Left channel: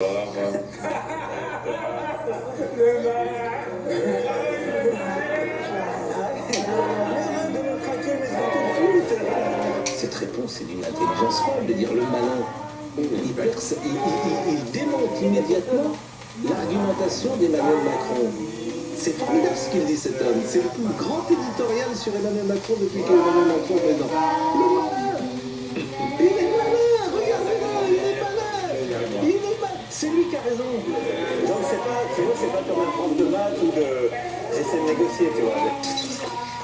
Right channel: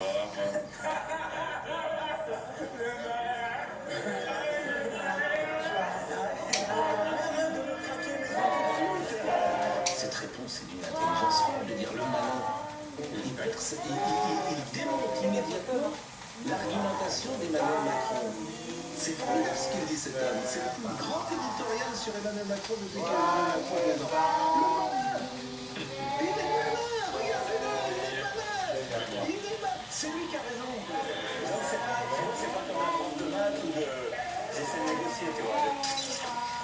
Cette réponse est d'une intelligence folle de dire le malin. Il démonte immédiatement l'argumentation d'Emmanuel Macron. C'est formidable ce qu'il dit, cet homme. C'est le plus grand éditorial sur Emmanuel Macron depuis qu'Emmanuel Macron est président. Le malin, il est malin, regardez-le, il est malin. Il est malin. C'est lui qui a raison. Donc c'est pas comme un prof de maths ou de... J'essaie de négocier, tu vois.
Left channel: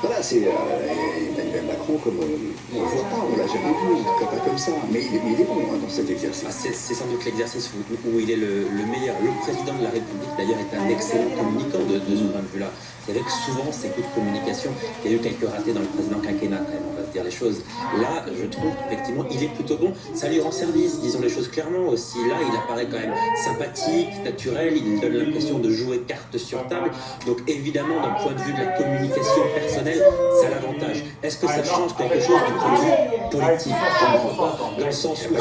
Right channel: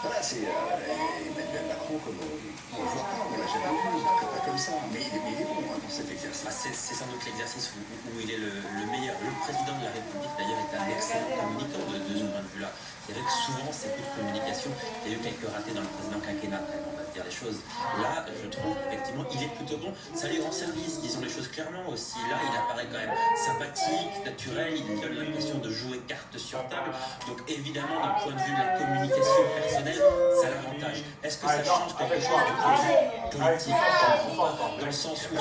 Voilà, c'est Emmanuel Macron, comme on ne le voit pas, on l'a jamais vu, il ne fait pas comme ça. Mais il est bon dans cet exercice. C'est sans doute l'exercice où il est le meilleur. Le président de la République, d'ailleurs, est un excellent communicant de ce point de vue-là. C'est vrai que souvent, ces coups de communication, il y a eu quelques ratés dans le président quinquennat, on va se dire les choses. Là, je trouve, effectivement, il est plutôt bon. Ça lui rend service, disons les choses clairement aussi. Là, il apparaît quand même sympathique, naturel, il donne l'impression de jouer carte sur table. Donc, évidemment, d'un point de vue de la communication personnelle, ça l'avantage. Est-ce que ça change quelque chose du point de vue politique? Dans le sens où, c'est ce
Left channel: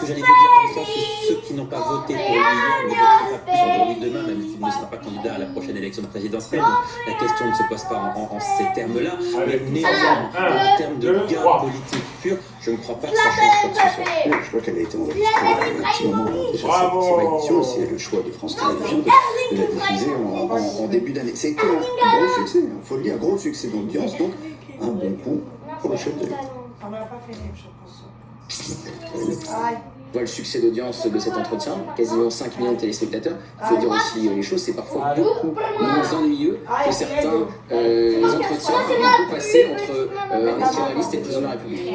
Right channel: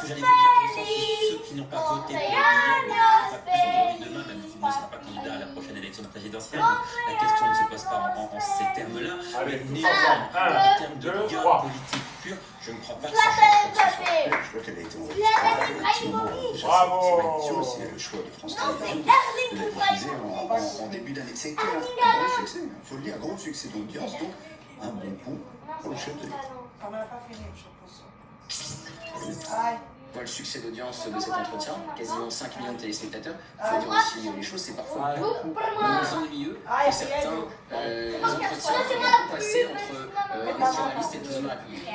que j'allais vous dire, dans le sens où ceux qui n'ont pas voté pour lui hier ne voteront pas plus aujourd'hui demain, même s'il ne sera pas candidat à la prochaine élection présidentielle. Donc, la question ne se pose pas en ces termes-là. Mais néanmoins, en termes de gain politique pur, je ne crois pas que ça change quoi que ce soit. Je crois qu'elle a été enregistrée à un petit moment déjà cette émission, et c'est le choix de France Télévisions de la diffuser en début d'année. C'est un gros succès, il faut le dire, gros succès d'audience, donc un bon coup pour le chef de l'État. On n'a pas fait les choses. On voit le succès d'audience de cet entretien, quasiment 5 millions de téléspectateurs. Il faut dire aussi les choses, c'est parfois beaucoup moins ennuyeux que certains entretiens qu'on peut passer entre un journaliste et le président de la République.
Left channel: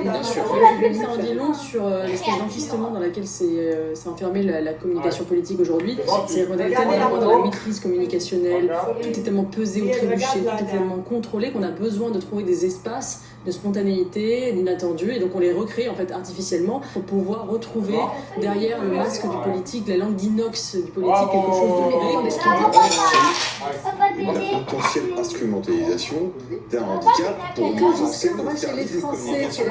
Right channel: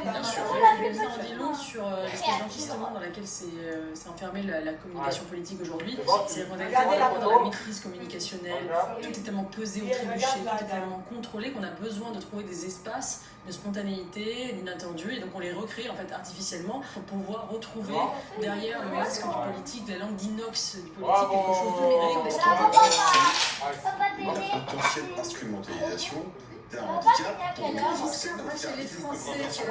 Bien sûr. Ça en dit long sur l'espèce d'enquistement dans laquelle s'est enfermée la communication politique aujourd'hui. C'est qu'on est tellement dans la maîtrise communicationnelle, tout est tellement pesé ou trébuché, tout est tellement contrôlé qu'on a besoin de trouver des espaces de spontanéité, d'inattendu, et donc on les recrée en fait artificiellement pour pouvoir retrouver derrière le masque du politique, la langue d'inox du politique, quelque chose de réel. La potentielle instrumentalisation d'un handicap pour nous, c'est le service de communication.